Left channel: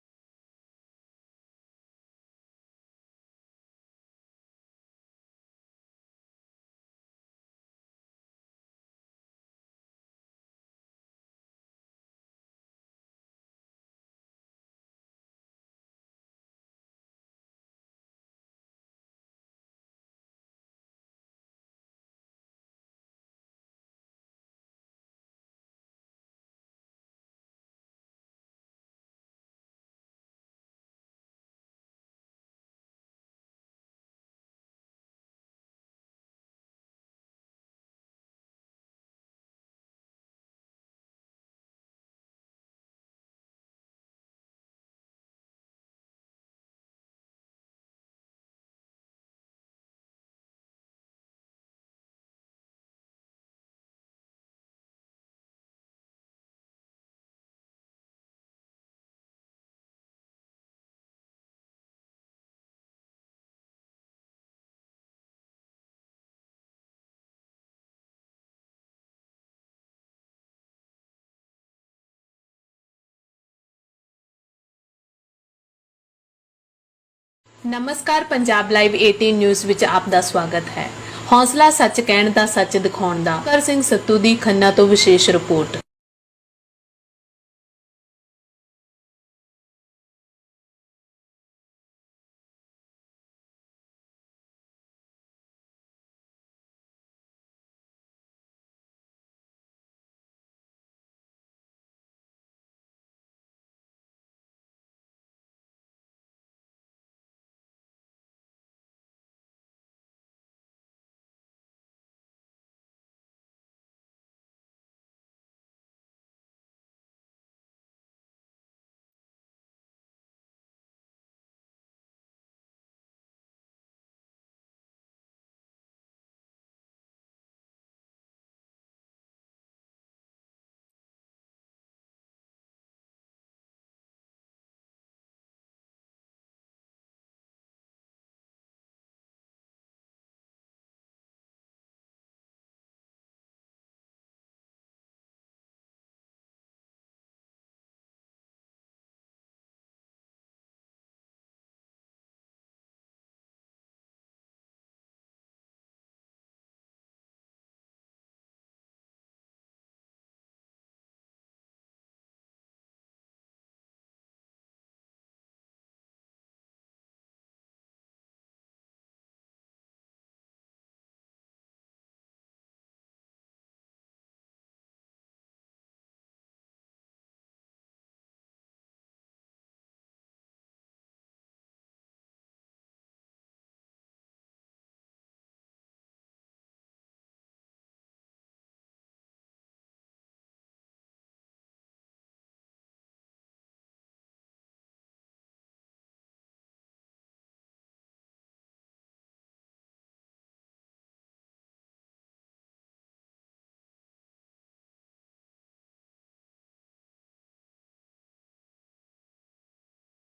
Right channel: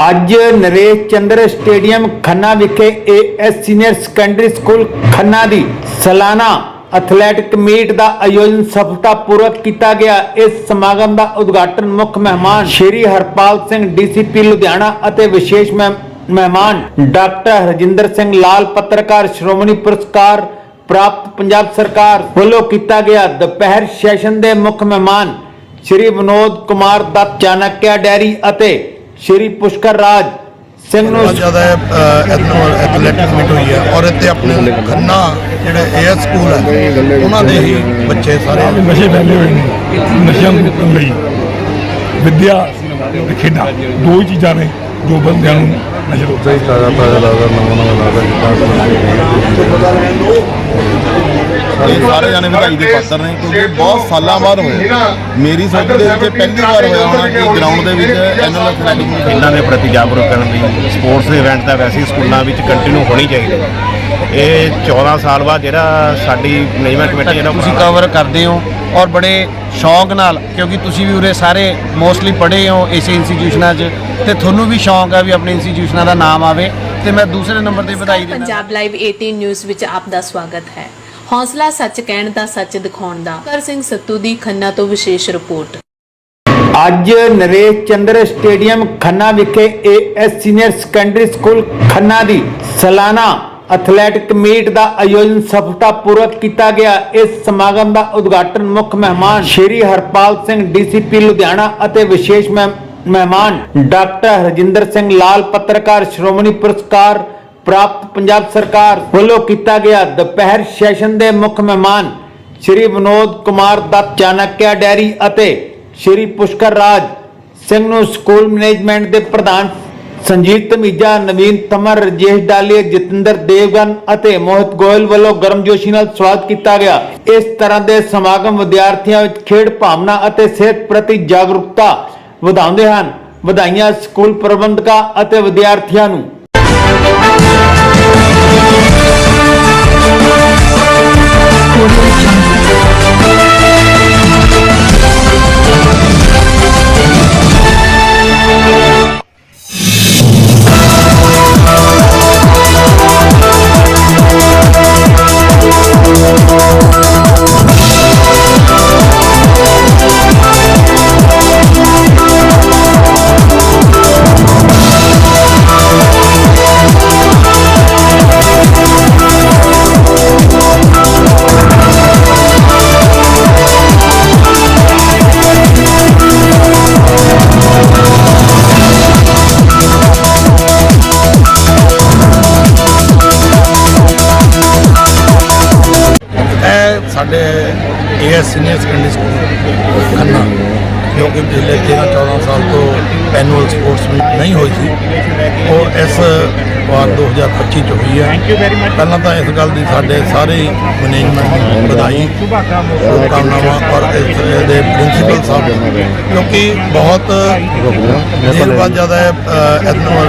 ਅੱਜ ਨਰੇਸ਼ ਚੰਦਰ ਸਟੇਡੀਅਮ ਖੰਨਾ ਵਿਖੇ AS senior secondary school Khanna ਦੀ ਸਾਲਾਨਾ ਐਥਲੈਟਿਕ ਮੀਟ ਦਾ ਆਯੋਜਨ ਸਫਲਤਾਪੂਰਵਕ ਕੀਤਾ ਗਿਆ। ਇਸ ਸਮਾਗਮ ਦਾ ਉਦਘਾਟਨ ਮੁੱਖ ਮਹਿਮਾਨ ਸ਼੍ਰੀ ਹਰਪਾਲ ਸਿੰਘ ਡੀਸੀਪੀ ਲੁਧਿਆਣਾ ਅਤੇ ਵਿਸ਼ੇਸ਼ ਮਹਿਮਾਨ ਡਾਕਟਰ ਹਰਜਿੰਦਰ ਸਿੰਘ ਲਾਲ, ਪੱਤਰਕਾਰ ਸ਼੍ਰੋਮਣੀ ਪੁਰਸਕਾਰ ਪ੍ਰਾਪਤ ਪੰਜਾਬ ਸਰਕਾਰ ਵੱਲੋਂ ਕੀਤਾ ਗਿਆ। ਦੁਪਹਿਰ ਸੈਸ਼ਨ ਦੇ ਮੁੱਖ ਮਹਿਮਾਨ ਸ਼੍ਰੀ ਵਿਨੋਦ ਕੁਮਾਰ ਦੱਤ ਚਾਣਕਿਆ ਡੈਰੀ ਅਤੇ ਸ਼੍ਰੀ ਪੁਸ਼ਕਰ ਰਾਜ ਸਿੰਘ ਨੂੰ ਬਹੁਤ ਜ਼ਿਆਦਾ ਐਥਲੈਟਿਕ ਮੀਟ ਹੋਈ ਹੈ ਔਰ ਇੱਥੇ ਆਪਣੇ ਖੰਨਾ ਜਿਹੜੇ ਏਐਸ ਸਕੂਲ ਹੈ ਉਹਨਾਂ ਦੇ ਹੀ ਬੱਚੇ ਸਾਰੇ ਨਸ਼ੇ ਫੈਲੇ ਹੋਏ ਨੇ ਨਸ਼ਿਆਂ ਨੂੰ ਲਈ। ਵਿੱਦਿਆ ਤੇ ਖੇਡਾਂ ਦੋ ਹੀ ਚੀਜ਼ਾਂ ਨੇ ਜੋ ਬੰਦਿਆਂ ਨੂੰ ਨਸ਼ੇ ਤੋਂ ਸਹੀ ਤਾਜ਼ਾ ਤਾਜ਼ਾ ਲੱਗਦਾ ਨਵਾਂ ਨਵਾਂ ਲੱਗਦਾ ਇਹ ਸਾਰੇ ਜਾਣੇ ਵਧਾਈ ਦੇ ਪਾਤਰ ਨੇ ਕਿਉਂਕਿ ਬਹੁਤ ਸਾਲਾਂ ਬਾਅਦ ਹੋਇਆ। ਮੇਰੀ ਸੋਚ ਦੇ ਵਿੱਚ ਪਹਿਲੀ ਵਾਰ ਹੋਇਆ ਹੋਣਾ ਕਿ ਗਰਾਊਂਡ ਦੇ ਵਿੱਚ ਐਨੂਅਲ ਐਥਲੈਟਿਕ ਇਹਨਾਂ ਦੇ ਪ੍ਰਤੀ ਜਾਗਰੂਕ ਕਰਨ ਲਈ ਸਪੋਰਟਸ ਦੇ ਇਵੈਂਟ ਤਾਂ ਵੈਸੇ ਸਕੂਲਾਂ ਵਿੱਚ ਕੰਟੀਨਿਊ ਹੋਣੀ ਚਾਹੀਦੀ। ਹੈ ਇਹ 14 ਸਾਲ ਬਾਅਦ ਜਿਹੜਾ ਸਾਡੀ ਮੈਨੇਜਮੈਂਟ ਕਮੇਟੀ ਜਿਹੜਾ ਤੁਸੀਂ ਕਵਰ ਕਰਦੇ ਹੋ ਔਰ ਬੜੇ ਸ਼ੌਂਕ ਨਾਲ ਕਿਉਂਕਿ ਤੁਸੀਂ ਵੀ ਉਰੇ ਸਾਰੇ ਮੋਸਟਲੀ ਪੜ੍ਹੇ ਹੋ ਇਸੇ ਇੰਸਟੀਟਿਊਸ਼ਨਾਂ 'ਚ ਤੇ ਤੁਹਾਨੂੰ ਵੀ ਸ਼ੌਂਕ ਆ ਵੀ ਆਪਣੇ ਇੰਸਟੀਟਿਊਸ਼ਨਾਂ ਦਾ ਨਾਮ ਆਵੇ ਤੇ ਮੈਂ ਦੂਸਰੇ ਨੰਬਰ ਤੇ ਵਧਾਈ ਪੰਜਾਬ ਲਾਈਵ 18 ਨਿਊਜ਼ ਵਿੱਚ ਆਪ ਦਾ ਸਵਾਗਤ ਹੈ। ਹੌਸਲਾ ਸੱਚ ਕਹਿਣ ਦਾ, ਸੱਚ ਦਿਖਾਉਣ ਦਾ। ਕਰ ਸਿੰਘ ਸੱਤੂ ਦੀ ਖੰਨਾ ਤੋਂ ਵਿਸ਼ੇਸ਼ ਰਿਪੋਰਟ। ਅੱਜ ਨਰੇਸ਼ ਚੰਦਰ ਸਟੇਡੀਅਮ ਖੰਨਾ ਵਿਖੇ AS senior secondary school Khanna ਦੀ ਸਾਲਾਨਾ ਐਥਲੈਟਿਕ ਮੀਟ ਦਾ ਆਯੋਜਨ ਸਫਲਤਾਪੂਰਵਕ ਕੀਤਾ ਗਿਆ। ਇਸ ਸਮਾਗਮ ਦਾ ਉਦਘਾਟਨ ਮੁੱਖ ਮਹਿਮਾਨ ਸ਼੍ਰੀ ਹਰਪਾਲ ਸਿੰਘ ਡੀਸੀਪੀ ਲੁਧਿਆਣਾ ਅਤੇ ਵਿਸ਼ੇਸ਼ ਮਹਿਮਾਨ ਡਾਕਟਰ ਹਰਜਿੰਦਰ ਸਿੰਘ ਲਾਲ, ਪੱਤਰਕਾਰ ਸ਼੍ਰੋਮਣੀ ਪੁਰਸਕਾਰ ਪ੍ਰਾਪਤ ਪੰਜਾਬ ਸਰਕਾਰ ਵੱਲੋਂ ਕੀਤਾ ਗਿਆ ਦੁਪਹਿਰ ਸੈਸ਼ਨ ਦੇ ਮੁੱਖ ਮਹਿਮਾਨ ਸ਼੍ਰੀ ਵਿਨੋਦ ਕੁਮਾਰ ਦੱਤ ਚਾਣਕਿਆ ਡੈਰੀ ਅਤੇ ਸ਼੍ਰੀ ਪੁਸ਼ਕਰ ਰਾਜ ਸਿੰਘ ਨੂੰ ਸਕੂਲ ਮੈਨੇਜਮੈਂਟ ਦੇ ਪ੍ਰਧਾਨ ਸੰਜੀਤ ਧਮੀਜਾ ਨਵੀਨ ਤਮਰ, ਰਜੇਸ਼ ਡਾਲੀਆ, ਜਤਿੰਦਰ ਦੇਵਗਨ ਅਤੇ ਮੋਹਿਤ ਗੋਇਲ ਵੱਲੋਂ ਗਰਮਜੋਸ਼ੀ ਨਾਲ ਸਵਾਗਤ ਕੀਤਾ ਗਿਆ। ਇਸ ਤਰ੍ਹਾਂ ਦੇ ਸਮਾਗਮ ਵਿਦਿਆਰਥੀਆਂ ਵਿੱਚ ਖੇਡ ਭਾਵਨਾ ਅਤੇ ਸਿਹਤ ਪ੍ਰਤੀ ਜਾਗਰੂਕਤਾ ਵਧਾਉਂਦੇ ਹਨ। ਵਧਾਈਆਂ ਸਕੂਲ ਪ੍ਰਬੰਧਕਾਂ ਅਤੇ ਵਿਦਿਆਰਥੀਆਂ ਨੂੰ। ਹੋਈ ਹੈ ਪਹਿਲਾਂ ਤਾਂ ਇਸ ਗੱਲ ਦੀ ਸਾਡੇ ਸਾਰੇ ਮੈਨੇਜਮੈਂਟ ਨੂੰ ਵਧਾਈ ਸ਼ੁਭਕਾਮਨਾਵਾਂ ਔਰ ਇਸ ਦੇ ਪ੍ਰਿੰਸੀਪਲ ਸਾਹਿਬ ਨੂੰ, ਕਿਉਂਕਿ ਬਹੁਤ ਦੇਰ ਬਾਅਦ ਜ਼ਿਆਦਾ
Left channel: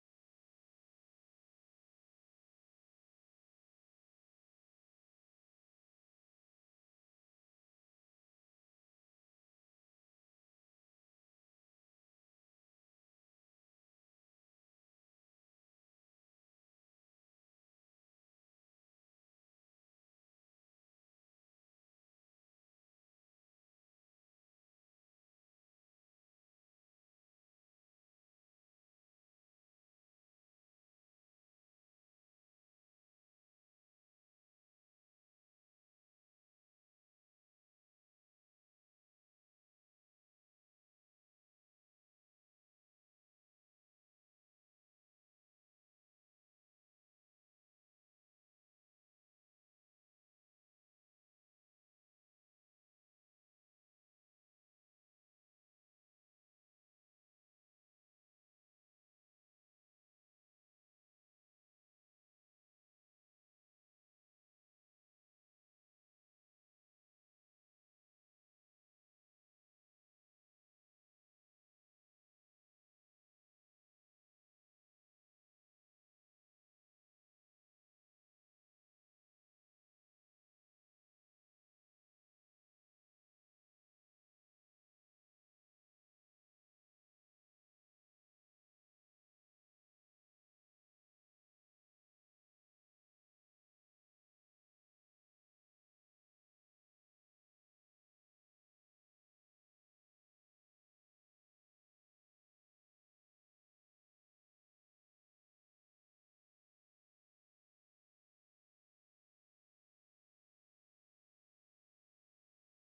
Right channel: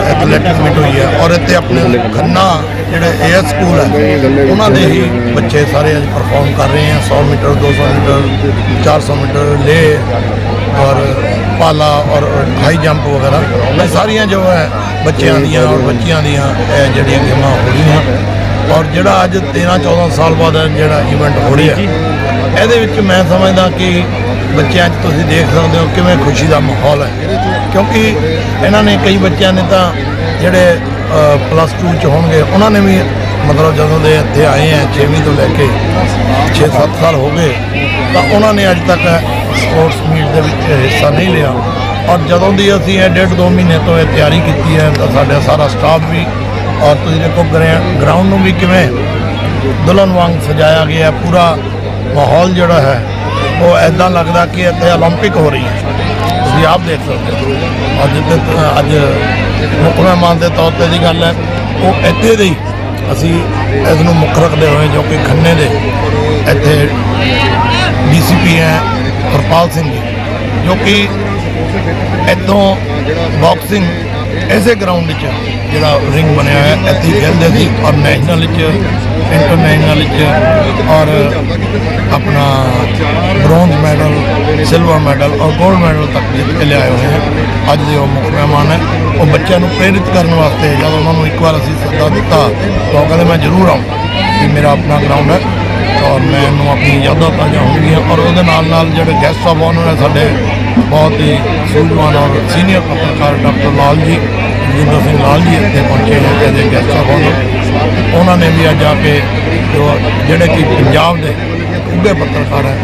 ਐਥਲੈਟਿਕ ਮੀਟ ਹੋਈ ਹੈ ਔਰ ਇੱਥੇ ਆਪਣੇ ਖੰਨਾ ਜਿਹੜੇ ਏਐਸ ਸਕੂਲ ਹੈ ਉਹਨਾਂ ਦੇ ਹੀ ਬੱਚੇ ਸਾਰੇ ਅੱਜ ਪਰਫਾਰਮ ਕਰ ਰਹੇ ਹੈ 100 ਮੀਟਰ 200 ਮੀਟਰ 400 ਮੀਟਰ ਲੇ ਔਰ ਪਾਲਾ ਔਰ ਹਾਈ ਜੰਪ ਵਗੈਰਾ ਇਹ ਸਾਰੀਆਂ ਜੋ ਹੈ ਬੱਚਿਆਂ ਦੀਆਂ ਔਰ ਬੱਚੀਆਂ ਦੀਆਂ ਇਹ ਜਿਹੜੀਆਂ ਗੇਮਾਂ ਹੋ ਰਹੀਆਂ। ਔਰ ਜਿਹੜਾ ਅੱਜ 13 14 ਸਾਲ ਬਾਅਦ ਜਿਹੜਾ ਇਵੈਂਟ ਹੋ ਰਿਹਾ ਇਹਦੇ ਵਿੱਚ ਮੈਂ ਸਮਝਦਾ ਕਿ ਬੱਚਿਆਂ 'ਚ ਤੁਸੀਂ ਦੇਖ ਸਕਦੇ ਹੋ ਕਿਵੇਂ ਖੁਸ਼ੀ ਦਾ ਮਾਹੌਲ ਹੈ। ਕਿਉਂਕਿ ਇਹਨਾਂ ਨੇ ਕਈ ਬੱਚਿਆਂ ਨੇ ਤਾਂ ਜਿਹੜੇ ਪਲੱਸ 2 ਚ ਹੋਣਗੇ ਉਹਨਾਂ ਨੇ ਵੀ ਮਤਲਬ ਜਦੋਂ ਦੇ ਇੱਥੇ ਆਏ ਆ 6ਵੀਂ ਤੋਂ ਲੈ ਕੇ 6-7 ਸਾਲ ਹੋ ਗਏ ਤਾਂ ਉਹਨਾਂ ਨੇ ਅੱਜ ਤੱਕ ਸਪੋਰਟਸ ਦੇ ਵਿੱਚ ਹਿੱਸਾ ਨਹੀਂ ਲਿਆ ਔਰ ਜਦੋਂ ਦੀ ਅਸੀਂ ਇਹ ਡੇਢ ਦੋ ਮਹੀਨੇ ਤੋਂ ਇਹ ਤਿਆਰੀ ਕੀਤੀ ਹੈ ਤਾਂ ਸਾਡਾ ਸਾਰਾ ਸਟਾਫ ਵੀ ਔਰ ਤੁਸੀਂ ਦੇਖੋ ਗਰਾਊਂਡ ਨੂੰ ਵੀ ਕਿਵੇਂ ਦੁਲਹਨ ਵਾਂਗ ਸਜਾਇਆ ਗਿਆ ਹੈ। ਪੂਰਾ ਮਾਹੌਲ ਜਿਹੜਾ ਹੈ ਉਹ ਐਦਾਂ ਲੱਗਦਾ ਕਿ ਇੱਥੇ 올림픽 ਹੋ ਰਹੀ ਹੈ ਤੁਸੀਂ ਆਪ ਦੇਖ ਸਕਦੇ ਹੋ ਅੱਜ ਤੇ ਅੱਜ ਮੁੱਖ ਮਹਿਮਾਨ ਦੇ ਤੌਰ ਤੇ ਦੀ ਗੱਲ ਹੈ ਉਹ ਇੱਥੇ ਦੇ ਹੀ ਅਸੀਂ ਇਸ ਨੂੰ ਮੁੱਖ ਰੱਖਦੇ ਹੋਏ ਜੋ ਕਿ ਖੰਨੇ ਦੇ ਇੱਥੇ ਡੀਸੀਪੀ ਹੈ ਹਰਪਾਲ ਸਿੰਘ ਜੀ ਜੋ ਕਿ ਇੱਥੋਂ ਬਾਕਸਿੰਗ ਐਸੇ ਗਰਾਊਂਡ 'ਚ ਜਿਹੜਾ ਰਿੰਗ ਬਣਿਆ ਹੈ ਇੱਥੇ ਖੇਡਦੇ ਸੀ ਔਰ ਨੈਸ਼ਨਲ 'ਚ ਇੰਟਰਨੈਸ਼ਨਲ 'ਚ ਔਰ ਆਪਣਾ ਬ੍ਰੌਂਜ਼ ਮੈਡਲ ਸਿਲਵਰ ਮੈਡਲ ਔਰ 골ਡ ਮੈਡਲ ਤੱਕ ਜਿੱਤ ਕੇ ਲਿਆਏ ਹੋਏ ਹੈ ਅੱਜ ਦੇ ਉਹ ਮੁੱਖ ਮਹਿਮਾਨ ਹੈ, ਉਹ ਬੱਚਿਆਂ ਨੂੰ ਪ੍ਰੇਰਿਤ ਕਰਨ ਵਾਸਤੇ ਜਦੋਂ ਉਹਨਾਂ ਨੂੰ ਇੱਕ ਵਾਰ ਅਸੀਂ ਸੱਦਾ ਦਿੱਤਾ ਤਾਂ ਉਹ ਕਹਿੰਦੇ, ਮੈਂ ਜ਼ਰੂਰ ਆਉਂ ਕਿ ਮੇਰਾ ਆਪਣਾ ਗਰਾਊਂਡ ਹੈ। ਔਰ ਮੈਨੂੰ ਆਪਣੀ ਯਾਦਾਂ ਤਾਜ਼ਾ ਹੋਣਗੀਆਂ ਔਰ ਉਹਦੇ ਨਾਲ ਨਾਲ ਜਿਹੜੇ ਗੈਸਟ ਆਫ ਆਨਰ ਹੈ ਸਾਡੇ ਬਹੁਤ ਹੀ ਸੂਝਵਾਨ ਔਰ ਸੀਨੀਅਰ ਪੱਤਰਕਾਰ ਡਾਕਟਰ ਲਾਲ ਜੀ ਜਿੰਦਰ ਸਿੰਘ ਲਾਲ ਜੀ ਇੱਥੇ ਪਹੁੰਚੇ ਨੇ ਐਜ਼ ਦੇ ਗੈਸਟ ਆਫ ਉਹਨਾਂ ਨੇ ਵੀ ਅੱਜ ਆ ਕੇ ਜਿਹੜੇ ਕਿ ਪੰਜਾਬ ਦੇ ਉੱਘੇ ਪੱਤਰਕਾਰ ਹੈ,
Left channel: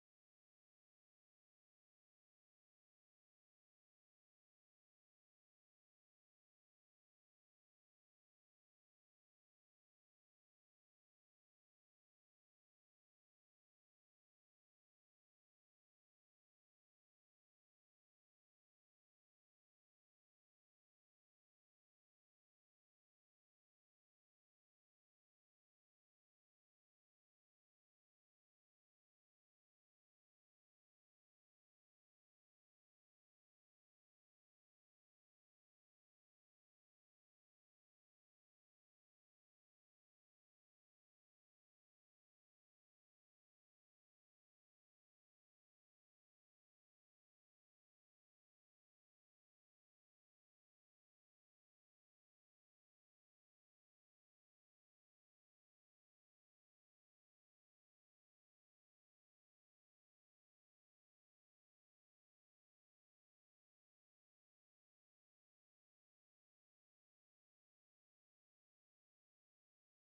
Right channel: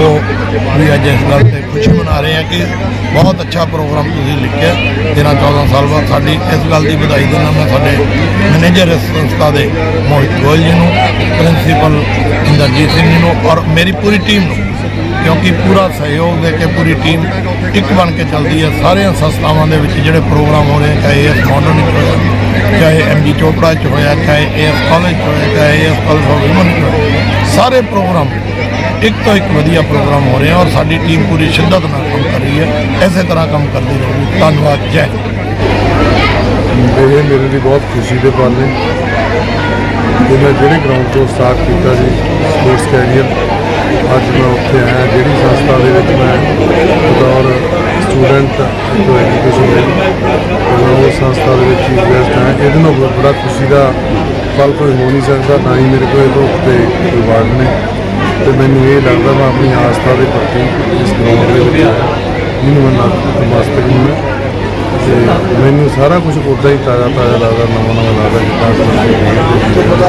ਉਹ ਵੀ ਅੱਜ ਇਸ ਗੱਲ ਤੇ ਖੁਸ਼ੀ ਮਨਾ ਰਹੇ ਆ ਕਿ ਬਹੁਤ ਅੱਛਾ ਪ੍ਰੋਗਰਾਮ ਤੁਸੀਂ ਲਿਖਿਆ 13 14 ਸਾਲ ਬਾਅਦ ਸਾਡੀ ਇਸ ਗੱਲ ਦੀ ਵਧਾਈ ਦਿੰਦਾ ਮੈਂ ਸਾਡੇ ਮੈਨੇਜਰ ਇਸ ਸੰਸਥਾ ਦੇ ਮੋਹਿਤ ਗੋਇਲ ਜੀ ਨੂੰ ਪ੍ਰਿੰਸੀਪਲ ਇੰਦਰਜੀਤ ਸਿੰਘ ਜੀ ਨੂੰ ਔਰ ਮੇਰੀ ਪੂਰੀ ਟੀਮ ਨੂੰ, ਕਿਉਂਕਿ ਪੂਰਾ ਸਹਿਯੋਗ ਦੇ ਕੇ ਪੂਰੀ ਟੀਮ ਇੱਕ ਬਣ ਕੇ ਚੱਲਦੀ ਹੈ। ਸਾਰੀਆਂ ਸੰਸਥਾਵਾਂ ਦੇ ਵਿੱਚ ਜਿਹੜੇ ਪ੍ਰੋਗਰਾਮ ਹੋ ਰਹੇ ਚਾਹੇ ਇਸ ਮਾਡਰਨ ਵਿੱਚ ਹੋਇਆ, ਚਾਹੇ ਐਮਜੀ ਚੋਪੜਾ ਚ ਹੋਇਆ, ਚਾਹੇ ਏਐਸ ਕਾਲਜ ਚ ਹੋਇਆ, ਚਾਹੇ ਏਐਸ ਕਾਲਜ ਆਫ ਵਿਮਨ ਚ ਹੋਇਆ, ਸਾਰੇ ਪ੍ਰੋਗਰਾਮ ਇੱਕ ਤੋਂ ਇੱਕ ਵਧੀਆ ਪ੍ਰੋਗਰਾਮ ਹੋ ਰਹੇ ਆ ਔਰ ਸਾਡੀ ਟੀਮ ਪੂਰੀ ਸ਼ਿੱਦਤ ਨਾਲ ਕੰਮ ਕਰ ਰਹੀ ਹੈ। ਇਸੇ ਤਰ੍ਹਾਂ ਕੰਮ ਕਰਦੀ ਰਹੂਗੀ। ਧੰਨਵਾਦ। ਜੈ ਹਿੰਦ। ਇਹ ਮੇਰੇ ਲਈ ਬਹੁਤ ਖੁਸ਼ੀ ਦੇ ਪਲ ਨੇ। ਕਿ ਮੈਂ ਜਿਹੜੇ ਗਰਾਊਂਡ ਤੋਂ ਸਟਾਰਟ ਕੀਤਾ ਸੀ ਸਪੋਰਟਸ ਕੈਰੀਅਰ ਅੱਜ ਮੈਂ ਉੱਥੇ ਆਇਆ, ਜਿਹੜੀ ਸੰਸਥਾ ਦੇ ਵਿੱਚ ਮੈਂ ਬਤੌਰ ਸਟੂਡੈਂਟ ਤੋਂ ਐਜੂਕੇਸ਼ਨ ਦੇ ਮੈਂ ਸੰਸਥਾ ਦੇ ਵਿੱਚ ਚੀਫ ਗੈਸਟ ਹਾਂ। ਇਹਦੇ ਨਾਲ ਬੜਾ ਖੁਸ਼ੀ ਦਾ ਪਲ ਕੋਈ ਹੋ ਨਹੀਂ ਸਕਦਾ ਨਾ ਹੀ ਮੇਰੇ ਕੋਲ ਇਹ ਤੋਂ ਉੱਤੇ ਕੋਈ ਨੇ। ਤੇ ਮੈਨੂੰ ਇਹ ਲੱਗਦਾ ਮੈਂ ਆਪਣੀ ਆਸਥਾ ਦੇ ਪ੍ਰਤੀ ਇਸ ਗਰਾਊਂਡ ਦੇ ਵਿੱਚ ਆਇਆ। ਜਿਹਨੂੰ ਮੈਂ ਨਤਮਸਤਕ ਨੂੰ ਤੇ ਮੈਨੂੰ ਸਾਰਾ ਕੁਝ ਉਦਾਂ ਹੀ ਤਾਜ਼ਾ ਤਾਜ਼ਾ ਲੱਗਦਾ ਨਵਾਂ ਨਵਾਂ ਲੱਗਦਾ ਜਿੱਦਾਂ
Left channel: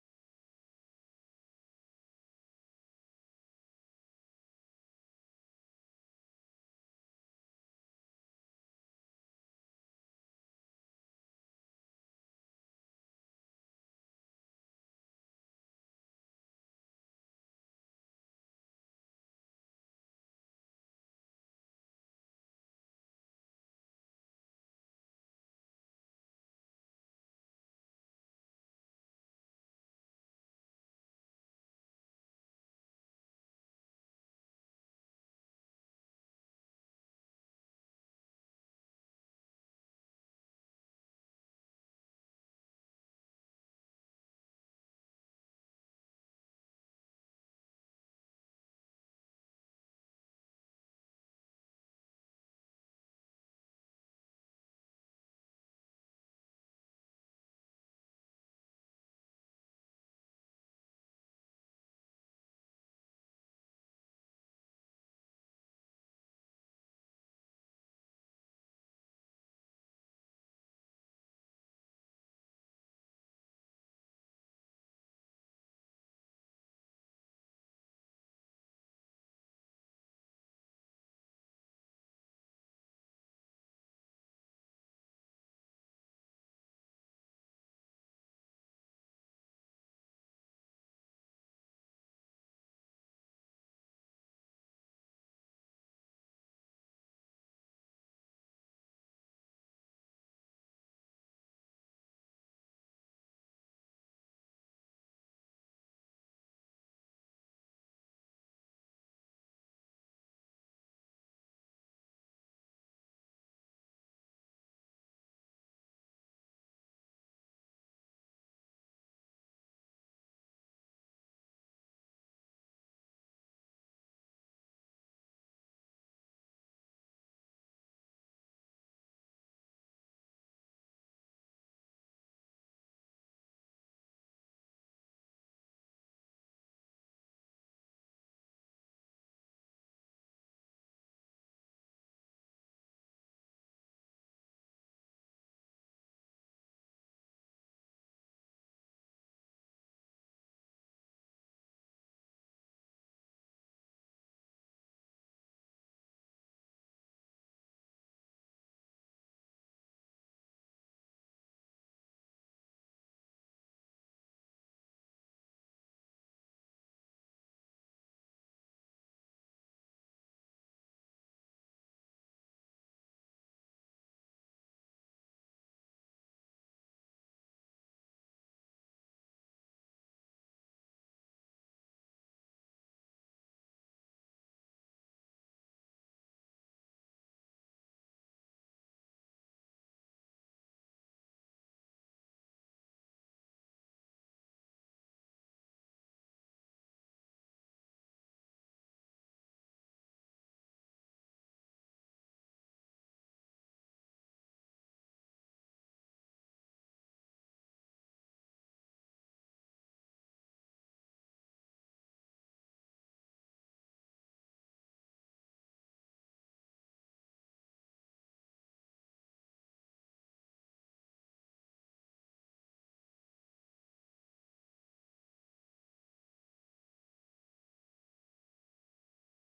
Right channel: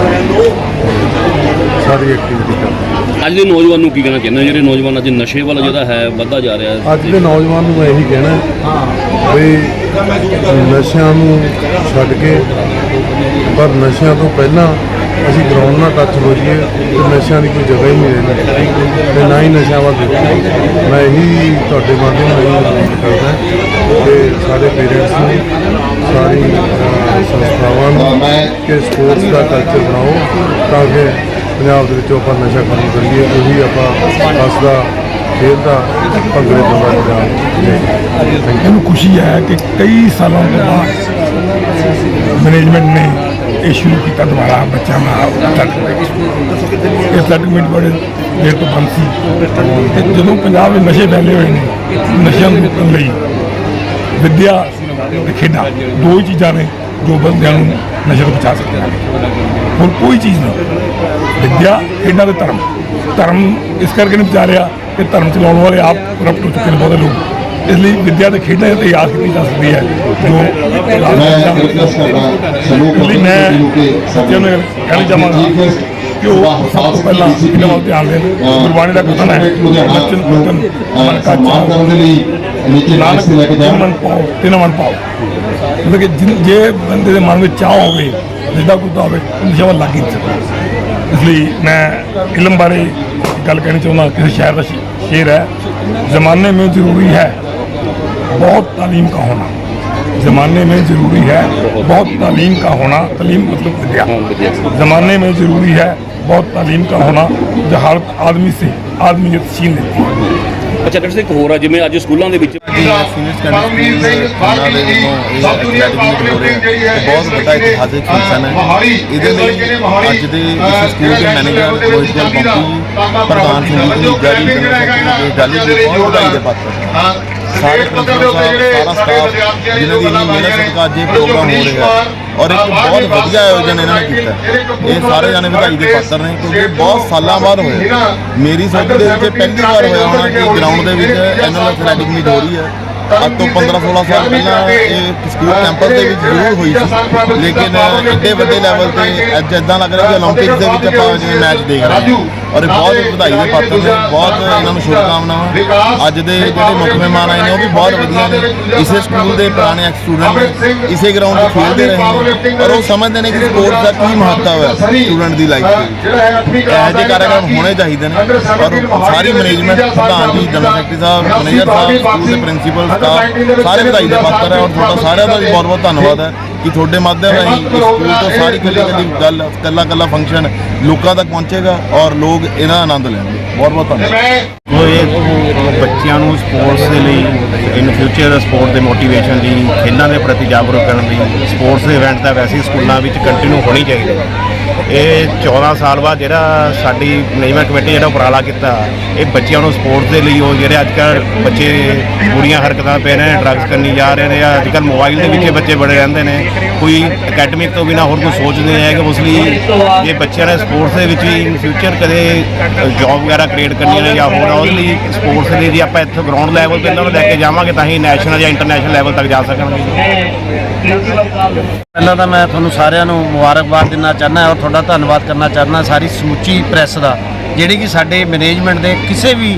ਸਾਰੀ ਐਕਟੀਵਿਟੀ ਕਰਦਾ ਅੱਜ ਦੇ ਨੌਜਵਾਨ ਨੂੰ ਕੀ ਕਹਿਣਾ ਚਾਹੁੰਦੇ ਜਿਹੜੇ ਨੌਜਵਾਨ ਅੱਜ ਨਸ਼ੇ ਵੱਲ ਜਿਹੜਾ ਹੈ ਵੱਧਦਾ ਜਾ ਰਿਹਾ ਹੈ। ਅੱਜ ਦੇ ਨੌਜਵਾਨ ਨੂੰ ਮੈਂ ਇਹੀ ਕਹਿਣਾ ਵੀ ਨਸ਼ਿਆਂ ਨੂੰ ਛੱਡ ਕੇ ਪਰ ਨਸ਼ਿਆਂ ਤੋਂ ਪਹਿਲਾਂ ਅਸੀਂ ਗਰਾਊਂਡ ਨਾਲ ਟੱਚ ਹੋ ਜਾਈਏ ਤੇ ਨਸ਼ਿਆਂ ਦੀ ਕੋਈ ਜਗ੍ਹਾ ਹੀ ਨਹੀਂ ਰਹਿੰਦੀ। ਤੇ ਨਾ ਹੀ ਨਸ਼ਿਆਂ ਵੱਲ ਦੇਖੋ। ਮੈਂ ਇਹੀ ਤੁਹਾਡੇ ਮਾਧਿਅਮ ਰਾਹੀਂ ਕਰਦਾ ਕਿ ਸਾਰੇ ਪੇਰੈਂਟਸ ਨੂੰ, ਸਾਰੀ ਸੰਸਥਾਵਾਂ ਨੂੰ ਕਿ ਸਪੋਰਟਸ ਦਾ ਕਲਚਰ ਬਣਾਓ ਤਾਂ ਕਿ ਪੰਜਾਬ ਦੇ ਵਿੱਚੋਂ ਆਪਾਂ ਨਸ਼ਾ ਖਤਮ ਕਰੀਏ, ਉਹੀ ਆਪਾਂ ਹੱਸਦਾ ਖੇਡਦਾ ਭੰਗੜੇ ਪਾਉਂਦਾ ਪੰਜਾਬ ਲੈ ਮੈਨੂੰ ਖੁਸ਼ੀ ਹੈ ਕਿ ਕਈ ਸਾਲਾਂ ਤੋਂ ਬਾਅਦ ਮੈਨੇਜਮੈਂਟ ਨੇ ਇਹ ਸ਼ੁਰੂ ਕੀਤਾ ਦੁਬਾਰਾ ਬੱਚਿਆਂ ਨਾਲ ਇਹ ਸੈਟਲਮੈਂਟ ਬੜੇ ਦੇਰ ਤੋਂ ਬੰਦ ਸੀ। ਤੇ ਜਦੋਂ ਪੰਜਾਬ ਵਿੱਚ ਨਸ਼ੇ ਫੈਲੇ ਹੋਏ ਨੇ ਨਸ਼ਿਆਂ ਨੂੰ ਰੋਕਣ ਲਈ ਵਿੱਦਿਆ ਤੇ ਖੇਡਾਂ ਦੋ ਹੀ ਚੀਜ਼ਾਂ ਨੇ ਜੋ ਬੰਦਿਆਂ ਨੂੰ ਨਸ਼ੇ ਤੋਂ ਬਚਾ ਸਕਦੀਆਂ ਨੇ। ਹੋਰ ਕੋਈ ਚੀਜ਼ ਨਹੀਂ। ਵਿੱਦਿਆ ਖੇਡਾਂ ਤੇ ਧਰਮ। ਧਰਮ ਇਸ ਕਰਕੇ ਨਹੀਂ ਬਚਾ ਰਿਹਾ ਕਿ ਧਰਮ ਚਲਾਉਣ ਵਾਲੇ ਆਪ ਕਰਪਟ ਹੋ ਚੁੱਕੇ ਨੇ ਬਹੁਤੇ ਲੋਕ। ਇਸ ਲਈ ਵਿੱਦਿਆ ਤੇ ਖੇਡਾਂ ਤੇ ਯਾਦ ਕੀਤੀ ਜਾ ਸਕਦੀ ਹੈ ਜੋ ਮੈਂ ਸੱਚਿਆਂ ਨੂੰ ਕਹਿਣਾ ਚਾਹਾਂਗਾ। ਕਿ ਉਹ ਸਭ ਤੋਂ ਪਹਿਲਾਂ ਇਹਨਾਂ ਵੱਲ ਧਿਆਨ ਦੇਣ ਗੁਰਬਾਣੀ ਦਾ ਕਥਨ ਹੈ ਬਚਨ ਕੁਤਨ ਮਨ ਕਾ ਚਾਹ ਨਾਨਕ ਤਿੰਨ ਮਨ ਪਾਓ ਤਿੰਨ ਮਨ ਪਾਓ ਮਤਲਬ ਕਿ ਜਿਨ- ਜੇ ਬੰਦੇ ਦੇ ਮਨ ਵਿੱਚ ਚਾਹ ਹੋਵੇ ਜਿੱਦਾਂ ਕੁੱਤਾ ਹੋਵੇ ਉਹ ਨਸ਼ਾ ਵੱਲ ਲੱਗ ਹੀ ਨਹੀਂ ਸਕਦਾ ਇਸ ਲਈ ਮੈਂ ਇਲਮ ਬਾਰੇ ਇੱਕ ਗੱਲ ਕਹਿਣੀ ਚਾਹੁੰਦਾ ਕਿਸੇ ਸ਼ਾਇਰ ਦਾ ਸ਼- ਸ਼ੇਰ ਹੈ ਜ਼ਮਾਨੇ ਮੇਂ ਜ਼ਰੂਰੀ ਹੈ बहुत तालीम का होना ज़माने में ज़रूरी है बहुत तालीम का होना तालीम मतलब विद्या ज़माने में ज़रूरी है बहुत तालीम का होना जो हर आदमी से आदमियत छीन लेती है ਅੱਛਾ ਡਾਕਟਰ ਸਿੰਘ ਇੱਕ ਹੋਰ ਆ ਜਿਵੇਂ ਅੱਜ ਸਕੂਲਾਂ ਦੇ ਵਿੱਚ ਸੀਨੀਅਰ ਸੈਕੰਡਰੀ ਸਕੂਲ ਖਾਨਾ ਦੇ ਵੱਲੋਂ ਇਹ ਐਥਲੈਟਿਕ ਮੀਟ ਹੋ ਰਿਹਾ ਹੈ ਤੇ ਬਹੁਤ ਵੱਡਾ ਇਤਿਹਾਸਿਕ ਫੰਕਸ਼ਨ ਹੈ ਇਹਦੇ ਲਈ ਅੱਜ ਦੇ ਇਸ ਸਕੂਲ ਦੇ ਮੈਨੇਜਰ ਮੋਹਿਤ ਗਿੱਲ ਬੰਪੀ ਜੀ ਪ੍ਰਧਾਨ ਸੰਗੀਤ ਦੀ ਜਾਰੀ ਜਨਰਲ ਸੈਕਟਰੀ ਦੇ ਜਾਲੀ ਜੀ ਬਹੁਤ ਵਧਾਈ ਦੇ ਪਾਤਰ ਹਨ। ਸਾਰੇ ਸਾਹਿਬ ਸਾਰਾ ਸਟਾਫ ਜਿਨ੍ਹਾਂ ਦੀ ਇੰਨੀ ਮਿਹਨਤ ਸਦਕਾ ਅੱਜ ਇਹ ਪ੍ਰੋਗਰਾਮ ਹੋ ਰਿਹਾ ਹੈ। ਔਰ ਇੱਕ ਬਹੁਤ ਵਧੀਆ ਆਯੋਜਨ ਇਹਨਾਂ ਨੇ ਕੀਤਾ। ਇਹ ਸਾਰੇ ਜਾਣੇ ਵਧਾਈ ਦੇ ਪਾਤਰ ਨੇ ਕਿਉਂਕਿ ਬਹੁਤ ਸਾਲਾਂ ਬਾਅਦ ਹੋਇਆ ਮੇਰੀ ਸੋਚ ਦੇ ਵਿੱਚ ਪਹਿਲੀ ਵਾਰ ਹੋਇਆ ਹੋਣਾ ਕਿ ਗਰਾਊਂਡ ਦੇ ਵਿੱਚ ਐਨੂਅਲ ਐਥਲੈਟਿਕ ਮੀਟ ਹੋ ਰਹੀ ਹੈ। ਅੱਜ ਤੋਂ 15 16 ਸਾਲ ਪਹਿਲਾਂ ਇਹ ਸਕੂਲ ਕੈਂਪਸ ਦੇ ਵਿੱਚ ਜ਼ਰੂਰ ਹੋਈ ਸੀ। ਲੇਕਿਨ ਇੱਡੇ ਵੱਡੇ ਲੈਵਲ ਤੇ ਅੱਜ ਇਦਾਂ ਲੱਗ ਰਿਹਾ ਕਿ 올림픽ਸ ਦੇ ਵਿੱਚ ਆਪਾਂ ਜਿਵੇਂ ਮੈਚ ਦੇਖ ਰਹੇ ਹਾਂ। ਔਰ ਬਹੁਤ ਵਧਾਈ ਦੇ ਪਾਤਰ ਨੇ ਬਹੁਤ ਇਹਨਾਂ ਨੂੰ ਸ਼ੁਭਕਾਮਨਾਵਾਂ। ਅੱਜ ਦੇ ਜਿਹੜੇ ਮੁੱਖ ਮਹਿਮਾਨ ਆਏ ਨੇ ਉਹ ਵੀ ਬਹੁਤ ਵਧੀਆ ਨੇ। ਇਸੇ ਸਕੂਲ ਦੇ ਪੁਰਾਣੇ ਐਕਸ ਸਟੂਡੈਂਟ ਨੇ ਇਸੇ ਗਰਾਊਂਡ 'ਤੇ ਖੇਡਦੇ ਰਹੇ ਨੇ। ਔਰ ਉਹ ਸਮਝਦੇ ਨੇ ਕਿ ਸਪੋਰਟਸ ਦਾ ਕੀ ਮਹੱਤਵ ਹੈ ਸਟੂਡੈਂਟ ਦੀ ਲਾਈਫ ਵਿੱਚ ਇਹ ਜਿਹੇ ਕਾਰਜਕ੍ਰਮ ਹੋਣੇ ਚਾਹੀਦੇ ਨੇ। ਔਰ ਸਾਰੀ ਮੈਨੇਜਮੈਂਟ ਪ੍ਰਧਾਨ ਜੀ ਜਨਰਲ ਸੈਕਟਰੀ ਸਾਹਿਬ ਮੈਨੇਜਰ ਸਾਹਿਬ ਸਕੂਲ ਦੇ ਪ੍ਰਿੰਸੀਪਲ ਸਟਾਫ ਸਾਰੇ ਵਧਾਈ ਦਾ ਪਾਤਰ ਹੈ ਔਰ ਤੁਹਾਡਾ ਸਾਰਿਆਂ ਦਾ ਵੀ ਬਹੁਤ ਬਹੁਤ ਧੰਨਵਾਦ ਹੈ ਕਿ ਤੁਹਾਡੇ ਮਾਧਿਅਮ ਰਾਹੀਂ ਇਸ ਸਕੂਲ ਤੋਂ ਸਾਰੀ ਕੱਲੀ ਕੱਲੀ ਗੱਲ, ਕੱਲਾ ਕੱਲਾ ਫੰਕਸ਼ਨ ਲੋਕਾਂ ਤੱਕ ਪਹੁੰਚੇਗਾ ਔਰ ਲੋਕ ਇਹਦਾ ਆਨੰਦ ਲੈਣਗੇ। ਬਹੁਤ ਬਹੁਤ ਧੰਨਵਾਦ। ਉਹ ਇਹ ਬੱਚਿਆਂ ਨੂੰ ਸਪੋਰਟਸ ਦੇ ਲਈ ਇਨ ਫਿਊਚਰ ਸਪੋਰਟ ਦੇ ਮੋਟੀਵੇਸ਼ਨ ਲਈ ਖੇਡਾਂ ਦੇ ਪ੍ਰਤੀ ਜਾਗਰੂਕ ਕਰਨ ਲਈ ਸਪੋਰਟਸ ਦੇ ਇਵੈਂਟ ਤਾਂ ਵੈਸੇ ਹੀ ਸਕੂਲਾਂ ਵਿੱਚ ਕੰਟੀਨਿਊ ਹੋਣੀ ਚਾਹੀਦੀ ਹੈ। ਇਹ 14 ਸਾਲ ਬਾਅਦ ਜਿਹੜਾ ਸਾਡੀ ਮੈਨੇਜਮੈਂਟ ਕਮੇਟੀ ਜਿਹੜਾ ਉਪਰਾਲਾ ਕੀਤਾ, ਇਹ ਬੱਚਿਆਂ ਨੂੰ ਸਪੋਰਟਸ ਦੇ ਲਈ ਉਹ ਜਿਹੜੇ ਅੱਜ ਕੱਲ੍ਹ ਬੱਚੇ ਬੁਰੀਆਂ ਹਰਕਤਾਂ ਪੈ ਰਹੇ ਨੇ ਡਰੱਗਸ ਕਰਨੀ ਜਾ ਰਹੇ ਨੇ ਜਾਂ ਅੱਜ ਕੱਲ੍ਹ ਮੋਬਾਈਲ ਦੇ ਵਿੱਚ ਬੱਚੇ ਬੜੇ ਰਹਿੰਦੇ ਨੇ। ਕੋਈ ਅਕੈਡਮਿਕ ਤੋਂ ਬਿਨਾ ਹੋਰ ਕੋਈ ਸੋਚਦੇ ਹੈ ਕਿ ਉਸ ਲਈ ਜੇ ਬੱਚਿਆਂ ਨੇ ਸਪੋਰਟਸ ਦੇ ਵਿੱਚ ਵੀ ਇਨ ਫਿਊਚਰ ਕਦੇ ਜੌਬ ਵਗੈਰਾ ਕ੍ਰੀਏਟ ਕਰਨੀ ਹੈ ਜਾਂ ਹੋਰ ਉਹਦੇ ਲਈ ਸਪੋਰਟਸ ਦੇ ਲਈ ਜੇ ਆਪਾਂ ਇੱਥੇ ਗਰਾਊਂਡ ਲੈਵਲ ਤੇ ਇਹਨਾਂ ਨੂੰ ਲੈ ਕੇ ਜਾਵਾਂਗੇ ਤਾਂ ਹੀ ਨੈਸ਼ਨਲ ਜਾਂ ਇੰਟਰਨੈਸ਼ਨਲ ਲੈਵਲ ਤੱਕ ਜਾ ਸਕਣਗੇ ਪਹਿਲਾਂ ਤਾਂ ਮੈਂ ਤੁਹਾਨੂੰ ਸਾਰਿਆਂ ਨੂੰ ਮੁਬਾਰਕਬਾਦ ਦੇਣਾ ਚਾਹੁੰਦਾ ਔਰ ਤੁਹਾਡਾ ਧੰਨਵਾਦ ਕਰਨਾ ਚਾਹੁੰਦਾ ਸਾਰੀ ਸਮੁੱਚੀ ਪ੍ਰੈਸ ਦਾ, ਜਿਹੜੀ ਕਿ ਸਾਡੇ ਮੈਨੇਜਮੈਂਟ ਦੇ ਕਿਸੇ ਵੀ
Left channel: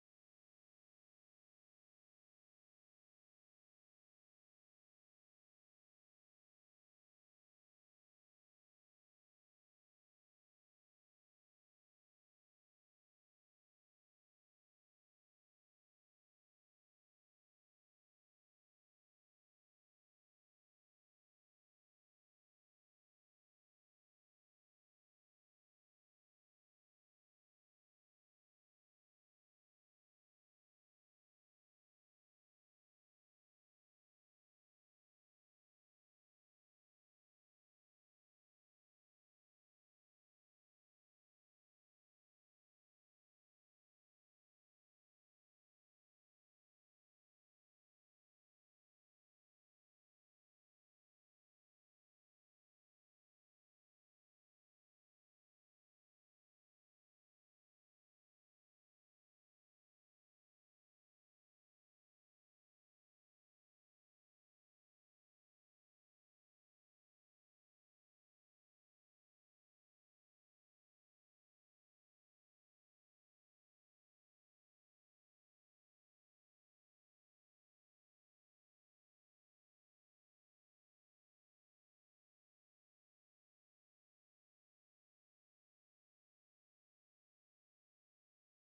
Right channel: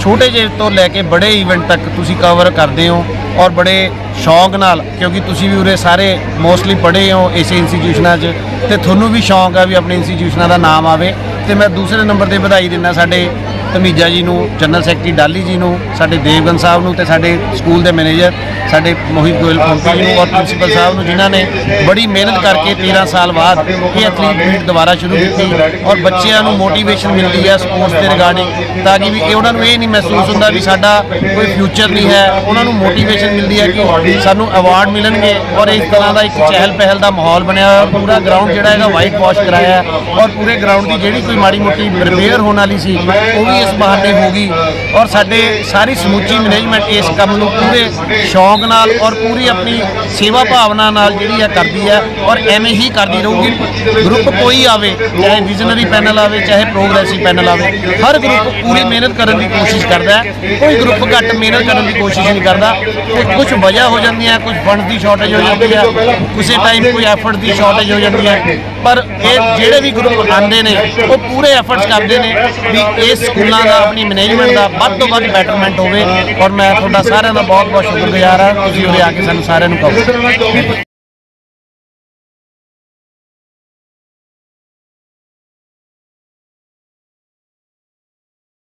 ਛੋਟੇ ਜਿਹੇ ਤੋਂ ਲੈ ਕੇ ਬੜੇ ਇਵੈਂਟ ਤੱਕ ਤੁਸੀਂ ਕਵਰ ਕਰਦੇ ਹੋ ਔਰ ਬੜੇ ਸ਼ੌਂਕ ਨਾਲ, ਕਿਉਂਕਿ ਤੁਸੀਂ ਵੀ ਉਰੇ ਸਾਰੇ ਮੋਸਟਲੀ ਪੜ੍ਹੇ ਹੋ ਇਸੇ ਇੰਸਟੀਟਿਊਸ਼ਨਾਂ 'ਚ, ਤੇ ਤੁਹਾਨੂੰ ਵੀ ਸ਼ੌਂਕ ਆ ਵੀ ਆਪਣੇ ਇੰਸਟੀਟਿਊਸ਼ਨਾਂ ਦਾ ਨਾਮ ਆਵੇ। ਤੇ ਮੈਂ ਦੂਸਰੇ ਨੰਬਰ ਤੇ ਵਧਾਈ ਦਿੰਦਾ ਸਾਡੇ ਧਮੀਜਾ ਜੀ ਨੂੰ, ਜਨਰਲ ਸੈਕਟਰੀ ਡਾਲੀ ਜੀ ਨੂੰ, ਸਾਡੇ ਦੇਵਗਨ ਸਾਹਿਬ ਨੂੰ ਤੇ ਸਾਡੇ ਸਕੂਲ ਦੇ ਮੈਨੇਜਰ, ਸਾਡੇ ਮੋਹਿਤ ਗੋਇਲ ਪੰਪੀ ਜੀ ਨੂੰ ਔਰ ਪ੍ਰਿੰਸੀਪਲ ਸਾਹਿਬ ਨੂੰ, ਜਿਨ੍ਹਾਂ ਨੇ ਬੜੀ ਮਿਹਨਤ ਕਰਕੇ 13 ਸਾਲ ਬਾਅਦ ਇਹ ਐਥਲੀਟ ਮੀਟ ਦੁਬਾਰਾ ਸ਼ੁਰੂ ਕੀਤੀ ਔਰ ਬੱਚਿਆਂ ਨੂੰ ਮੋਟੀਵੇਸ਼ਨ ਮਿਲਦੀ ਹੈ ਸਪੋਰਟਸ ਦੇ ਰਿਗਾਰਡਿੰਗ ਤਾਂ ਕਿ ਵੀ ਇਹ ਉਹਨਾਂ ਨੂੰ ਇਹ ਨਹੀਂ ਮਹਿਸੂਸ ਹੁੰਦਾ ਵੀ ਸਾਡਾ ਕੋਈ ਫਿਊਚਰ ਨਹੀਂ ਹੈ ਉਹਨਾਂ ਨੂੰ ਮੋਟੀਵੇਸ਼ਨ ਮਿਲਦੀ ਹੈ ਕਿ ਸਾਨੂੰ ਅਵਾਰਡ ਮਿਲਣਗੇ ਔਰ ਇਸ ਤਰ੍ਹਾਂ ਦਾ ਇੱਕ ਚਹਿਲ ਪਹਿਲ ਦਾ ਮਾਹੌਲ ਬਣਿਆ ਹੋਇਆ। ਪੂਰਾ ਗਰਾਊਂਡ ਜਿਹੜਾ ਹੈਗਾ ਵਾਈਟ ਵਾਸ਼ ਕਰਾਇਆ ਔਰ ਪੂਰੇ ਗਰਾਊਂਡ ਦੀ ਜਿਹੜੀ ਕੋਈ ਮਾੜੀ ਮੋਟੀ ਰਿਪੇਅਰ ਹੋਣ ਵਾਲੀ ਸੀ, ਉਹ ਵੀ ਇਸ ਬਹਾਨੇ ਹੋ ਗਈ ਔਰ ਸਾਡੇ ਸਾਰੀ ਸਮੁੱਚੀ ਮੈਨੇਜਮੈਂਟ ਇਸ ਕੰਮ ਨੂੰ ਪੂਰੇ ਸ਼ੌਂਕ ਨਾਲ ਔਰ ਪੂਰੀ ਆਪਣੀ ਸੇਵਾ ਭਾਵਨਾ ਨਾਲ ਜਿਹੜੀ ਹੈ ਕਰਦੀ ਹੈ ਔਰ ਐਵੇਂ ਹੀ ਕਰਦੀ ਰਹੂਗੀ। ਗਰੁੱਪ ਕੋਈ ਆਵੇ, ਚਾਹੇ ਵਿਜ਼ਨਰੀ ਪੈਨਲ ਆਵੇ, ਚਾਹੇ ਪ੍ਰੋਗਰੈਸਿਵ ਪੈਨਲ ਆਵੇ, ਹਰ ਗਰੁੱਪ ਪੂਰੀ ਮਿਹਨਤ ਕਰਨ ਦੀ ਕੋਸ਼ਿਸ਼ ਕਰਦਾ ਹੈ। ਕੋਈ ਗਰੁੱਪ ਘੱਟ ਮਿਹਨਤ ਕਰਨ ਦੀ ਕੋਸ਼ਿਸ਼ ਨਹੀਂ ਕਰਦਾ। ਤੇ ਕੁਝ ਵਜ੍ਹਾ ਹੋ ਜਾਂਦੀਆਂ, ਕੁਝ ਫੰਡ ਦੀ ਸ਼ਾਰਟੇਜ ਹੋ ਜਾਂਦੀ ਹੈ, ਕਿਸੇ ਟਾਈਮ ਕੋਈ ਐਫਰਟ ਦੀ ਸ਼ਾਰਟੇਜ ਹੋ ਜਾਂਦੀ ਹੈ। ਪਰ ਇਹ ਜਿਹੜੇ ਵੀ ਗਰੁੱਪ ਆਉਂਦੇ ਨੇ, ਉਹ ਪੂਰੇ ਐਫਰਟਸ ਕਰਦੇ ਨੇ ਵੀ ਇਸ ਸਕੂਲਾਂ ਦਾ ਆਪਣੀ ਮੈਨੇਜਮੈਂਟ ਦਾ ਵੱਧ ਤੋਂ ਵੱਧ ਬੈਟਰਮੈਂਟ ਹੋਵੇ। ਔਰ ਮੈਂ ਤੁਹਾਡਾ ਸਾਰਿਆਂ ਦਾ ਬਹੁਤ ਬਹੁਤ ਸ਼ੁਕਰਗੁਜ਼ਾਰ ਹਾਂ। ਤੁਸੀਂ ਉਰੇ ਆ ਕੇ ਸਾਨੂੰ ਸਾਰਿਆਂ ਨੂੰ ਕਹੋ।